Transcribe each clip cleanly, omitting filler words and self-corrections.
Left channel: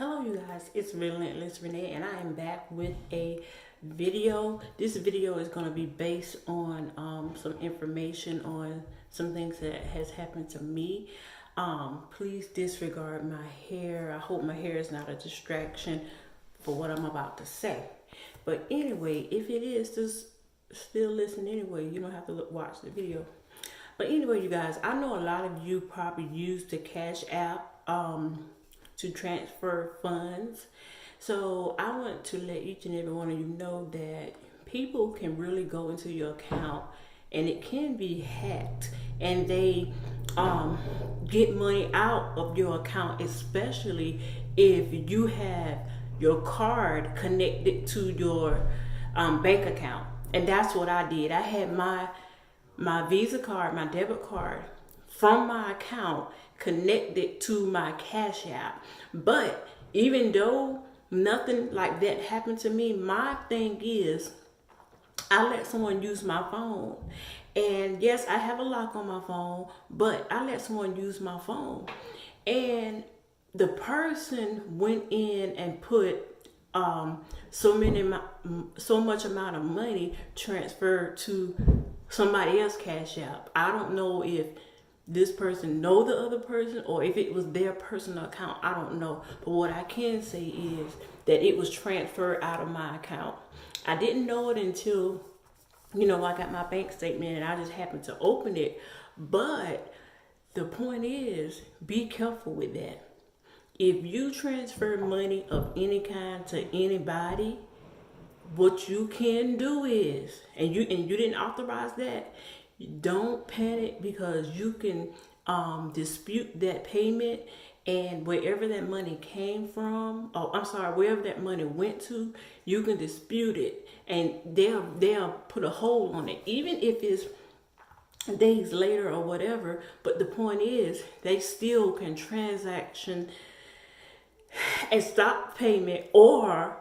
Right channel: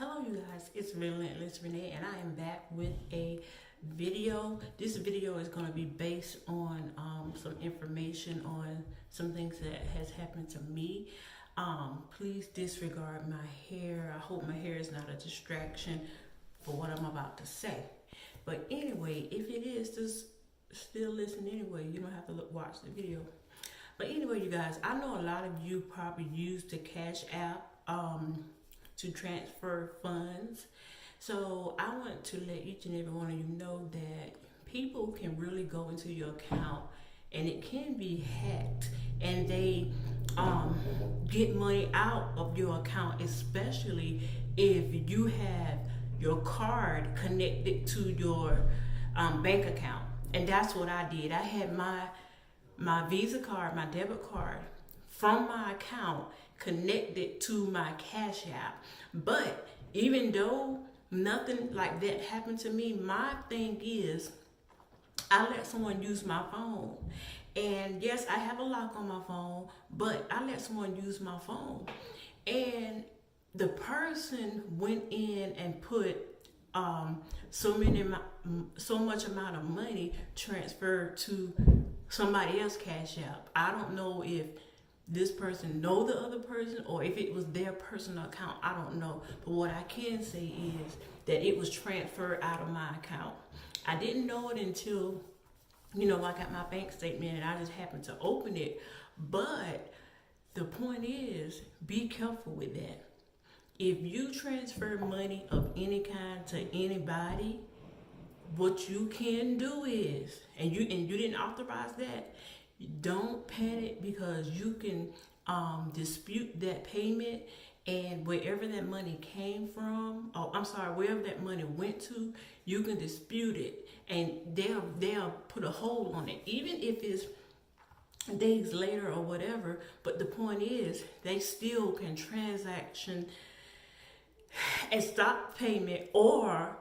Hello you guys, it's Relentless Renee and I am back with a video. This video is going to be based on some information on some things that has happened to me. Please disregard my hair. I hope my hair is not a distraction for what I'm about to say. But anyway, if it is, just still listen anyway. You don't have to watch the video. But anyway, you guys, I know a lot of you probably use the Cash App to transfer funds. So I want to let each and every one of you know that people can really go into your account and it can be hacked, and they get money out of your account, especially if you have your card connected to your bank account. And that's what I did. I had my Visa card, my debit card from my account connected to my Cash App. But even though nothing like that happened to me, my thing is I let someone use my phone. And yes, I have a lock on my phone, but I let someone use my phone. And the person went in and put so much amount of money transferred to somebody else's Cash App. I don't know if this person know the other person or if it was their personal account. I don't know. But what I can say is that it was transferred out of my account. I didn't know it until, I got my bank statement and I just happened to open it. But the point is, be careful with that. If you transfer money of any kind to anybody, what you can do is, and you didn't authorize that, don't panic, because you can dispute that payment, and wherever that money came from, wherever that money went to, you can dispute it, and they'll put a hold on it, even if it's days later or whatever. But the point is, they still can transaction and stop payment, or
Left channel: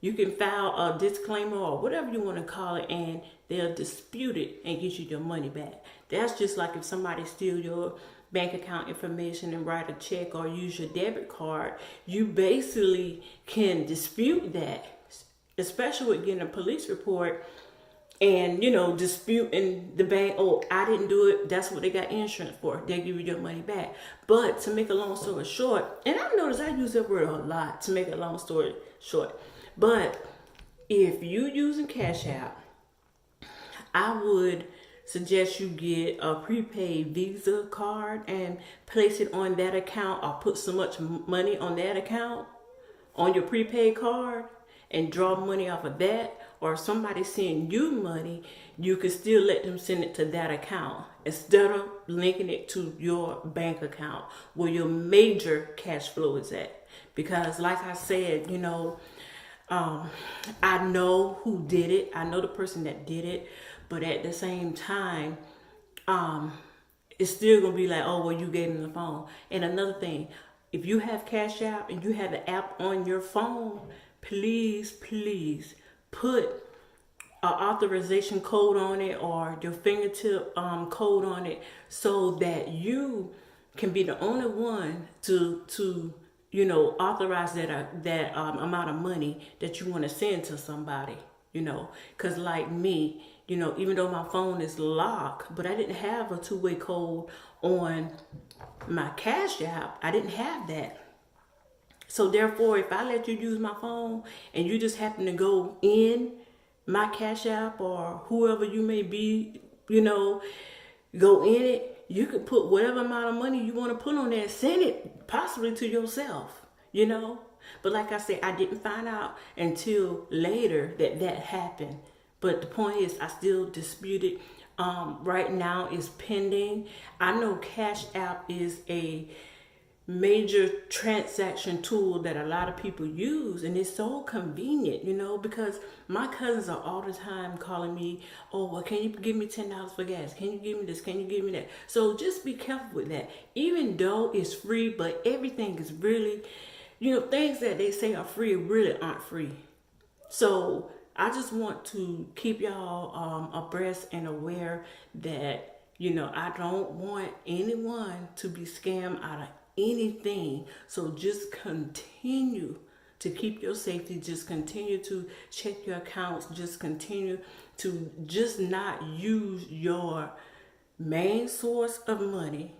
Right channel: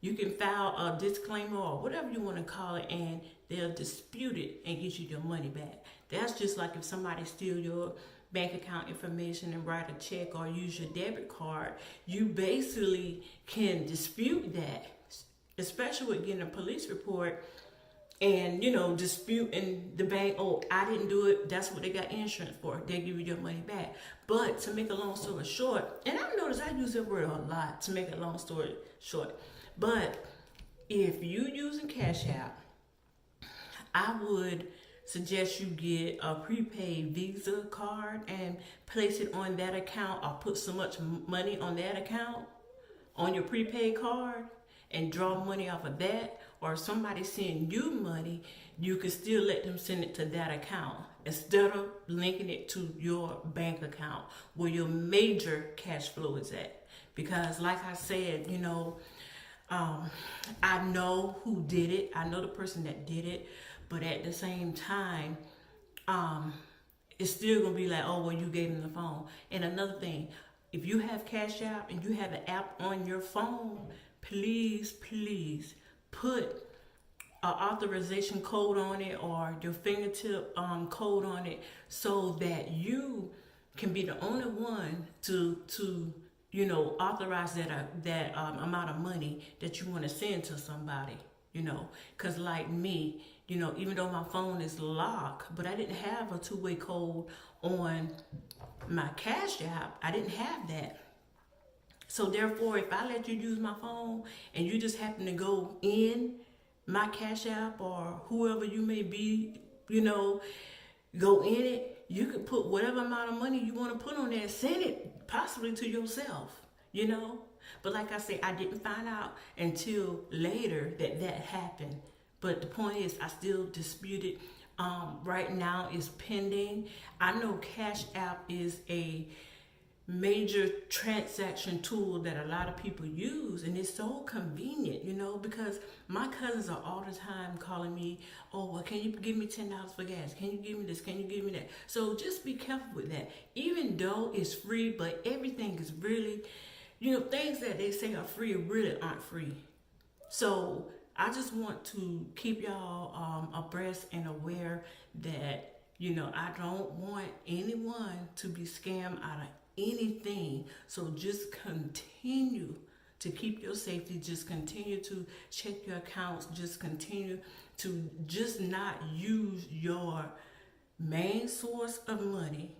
you can file a disclaimer or whatever you want to call it, and they'll dispute it and get you your money back. That's just like if somebody steal your bank account information and write a check or use your debit card. You basically can dispute that, especially with getting a police report and, disputing the bank. Oh, I didn't do it. That's what they got insurance for. They'll give you your money back. But to make a long story short, and I notice I use that word a lot, to make a long story short. But if you using Cash App, I would suggest you get a prepaid Visa card and place it on that account, or put so much money on that account on your prepaid card and draw money off of that. Or if somebody send you money, you can still let them send it to that account instead of linking it to your bank account where your major cash flow is at. Because like I said, I know who did it. I know the person that did it. But at the same time, it's still going to be like, oh, well, you gave them the phone. And another thing, if you have Cash App and you have the app on your phone, please put an authorization code on it or your fingertip code on it, so that you can be the only one to authorize that amount of money that you want to send to somebody, because like me, even though my phone is locked, but I didn't have a two-way code on my Cash App. I didn't have that. So therefore, if I let you use my phone and you just happen to go in my Cash App, or whoever you may be, go in it, you could put whatever amount of money you want to put on there, send it possibly to yourself, But like I said, I didn't find out until later that happened. But the point is, I still dispute it. Right now it's pending. I know Cash App is a major transaction tool that a lot of people use, and it's so convenient, because my cousins are all the time calling me, oh, well, can you give me $10 for gas? Can you give me this? Can you give me that? So just be careful with that. Even though it's free, but everything is really, things that they say are free really aren't free. So I just want to keep y'all abreast and aware that, I don't want anyone to be scammed out of anything. So just continue to keep your safety. Just continue to check your accounts. Just continue to just not use your main source of money.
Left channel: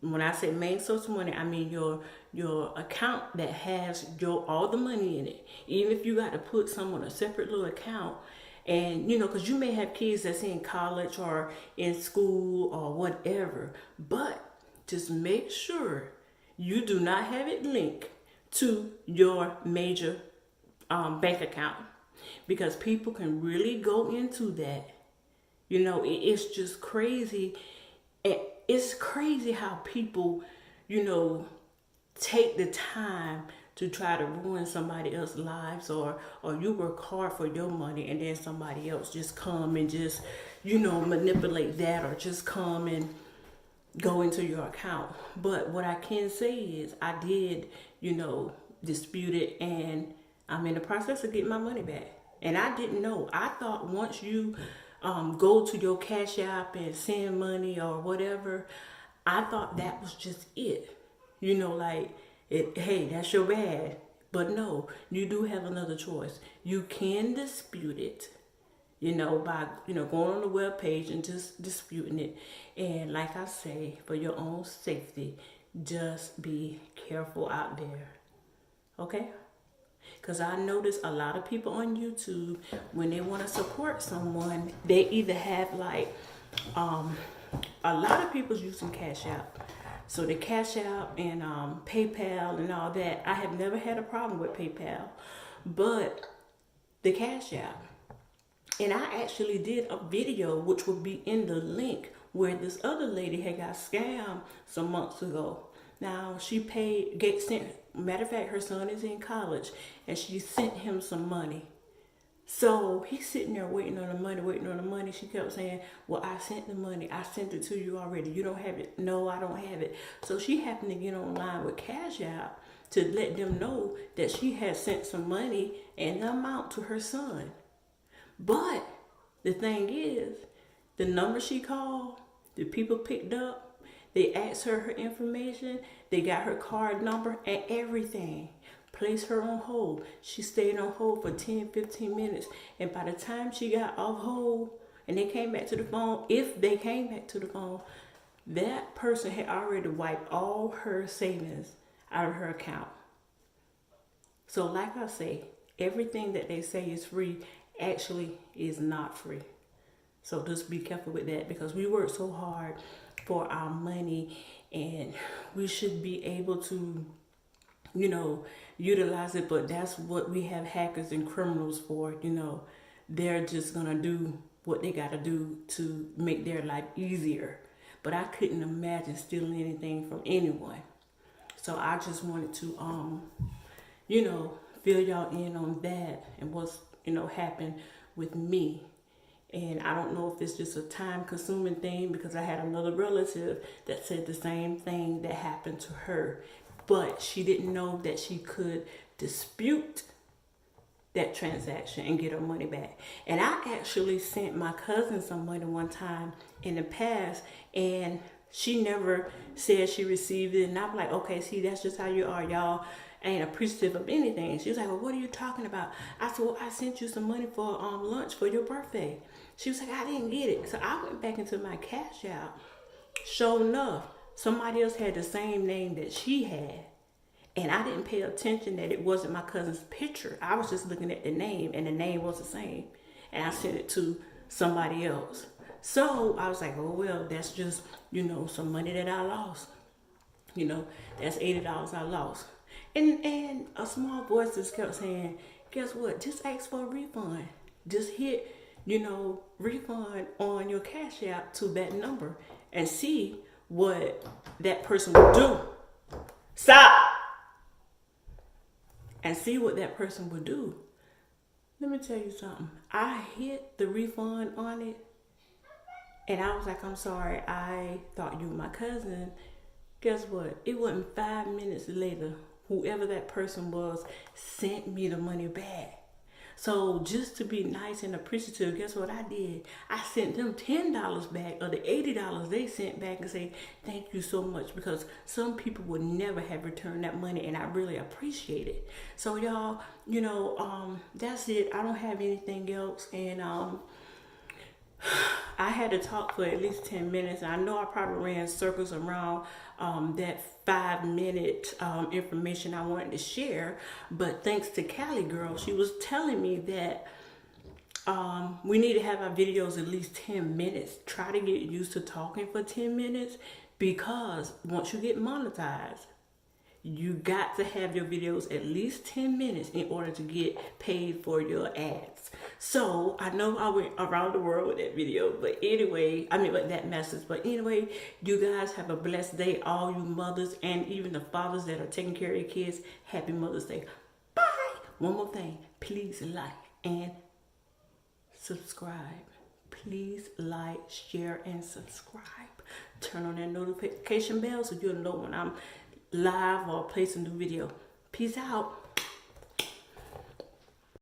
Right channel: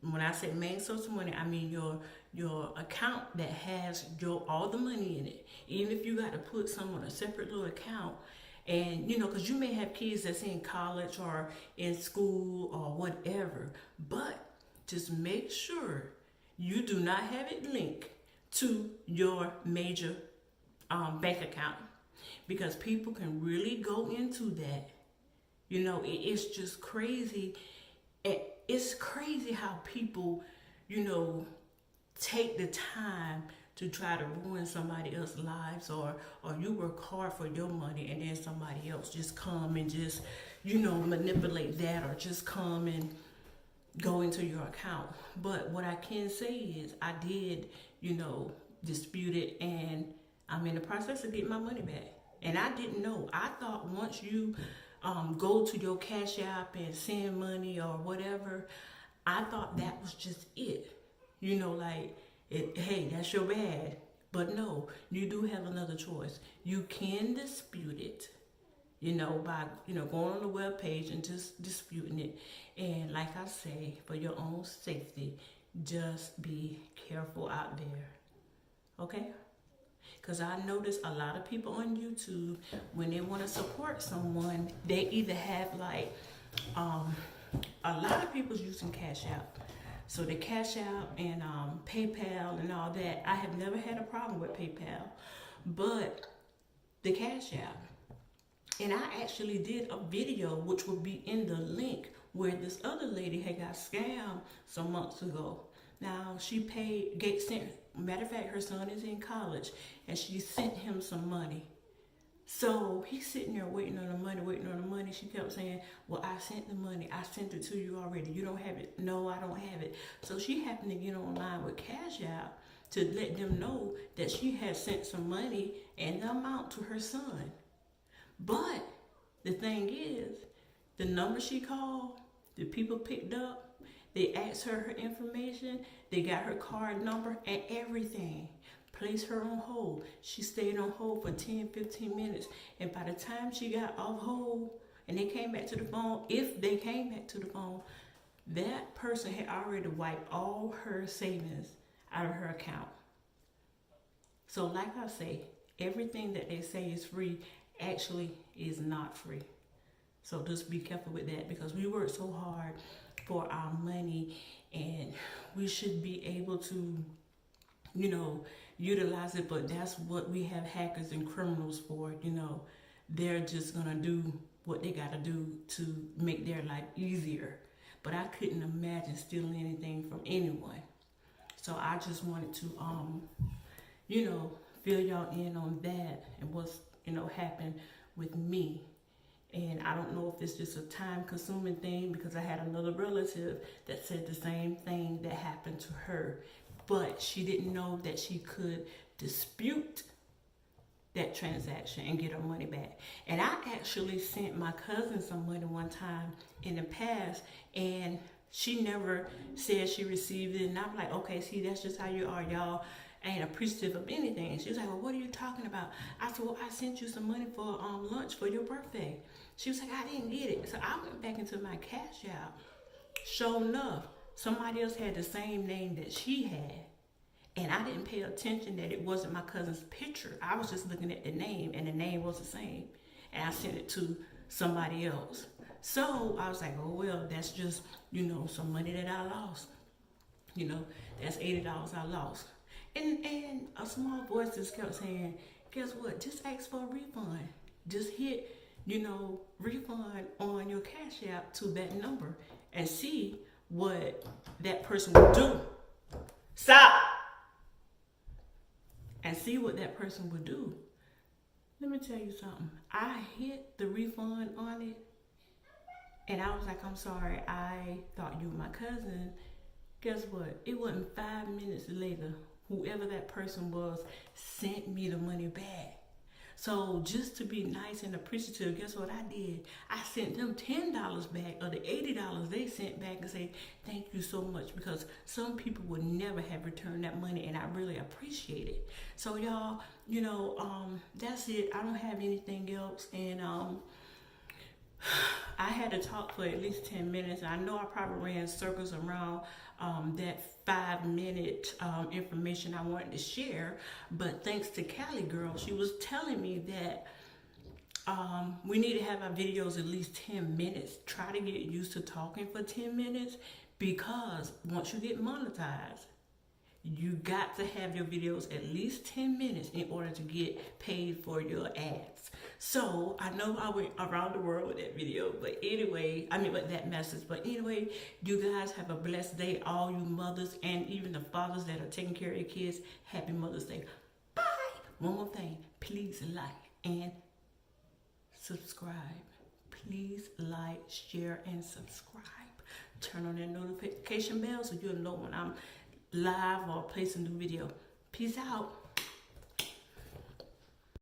When I say main source of money, I mean your account that has your all the money in it. Even if you got to put some on a separate little account, and because you may have kids that's in college or in school or whatever, but just make sure you do not have it linked to your major bank account, because people can really go into that. It's just crazy. It's crazy how people, take the time to try to ruin somebody else's lives, or you work hard for your money and then somebody else just come and just, manipulate that, or just come and go into your account. But what I can say is I did, dispute it, and I'm in the process of getting my money back. And I didn't know. I thought once you go to your Cash App and send money or whatever, I thought that was just it. Hey, that's your bad. But no, you do have another choice. You can dispute it, by, going on the web page and just disputing it. And like I say, for your own safety, just be careful out there. Okay? Because I notice a lot of people on YouTube, when they want to support someone, they either have a lot of people's using Cash App. So the Cash App and PayPal and all that, I have never had a problem with PayPal. But the Cash App, and I actually did a video, which will be in the link, where this other lady had got scammed some months ago. Now, she matter of fact, her son is in college, and she sent him some money. So he's sitting there waiting on the money. She kept saying, well, I sent the money. I sent it to you already. You don't have it. No, I don't have it. So she happened to get online with Cash App to let them know that she had sent some money and the amount to her son. But the thing is, the number she called, the people picked up, they asked her information, they got her card number and everything. Placed her on hold. She stayed on hold for 10, 15 minutes. And by the time she got off hold and they came back to the phone, if they came back to the phone, that person had already wiped all her savings out of her account. So like I say, everything that they say is free actually is not free. So just be careful with that, because we work so hard for our money, and we should be able to, utilize it. But that's what we have hackers and criminals for. They're just gonna do what they gotta do to make their life easier. But I couldn't imagine stealing anything from anyone. So I just wanted to fill y'all in on that and what's happened with me. And I don't know if it's just a time-consuming thing, because I had another relative that said the same thing that happened to her. But she didn't know that she could dispute that transaction and get her money back. And I actually sent my cousin some money one time in the past, and she never said she received it. And I'm like, okay, see, that's just how you are, y'all. Ain't appreciative of anything. She was like, well, what are you talking about? I said, well, I sent you some money for lunch for your birthday. She was like, I didn't get it. So I went back into my Cash App. Sure enough, somebody else had the same name that she had. And I didn't pay attention that it wasn't my cousin's picture. I was just looking at the name, and the name was the same. And I sent it to somebody else. So I was like, oh, well, that's just, some money that I lost. That's $80 I lost. And a small voice just kept saying, guess what? Just ask for a refund. Just hit, refund on your Cash App to that number and see what that person would do. Stop! And see what that person would do. Let me tell you something. I hit the refund on it, and I was like, I'm sorry, I thought you were my cousin. Guess what? It wasn't 5 minutes later, whoever that person was sent me the money back. So just to be nice and appreciative, guess what I did? I sent them $10 back of the $80 they sent back and say, thank you so much, because some people would never have returned that money, and I really appreciate it. So y'all, that's it. I don't have anything else, and I had to talk for at least 10 minutes. I know I probably ran circles around that 5-minute information I wanted to share, but thanks to Cali Girl, she was telling me that we need to have our videos at least 10 minutes. Try to get used to talking for 10 minutes, because once you get monetized, you got to have your videos at least 10 minutes in order to get paid for your ads. So I know I went around the world with that video, but anyway, with that message. But anyway, you guys have a blessed day. All you mothers and even the fathers that are taking care of your kids, happy Mother's Day. Bye. One more thing, please like and subscribe. Please like, share, and subscribe. Turn on that notification bell so you'll know when I'm live or place a new video. Peace out.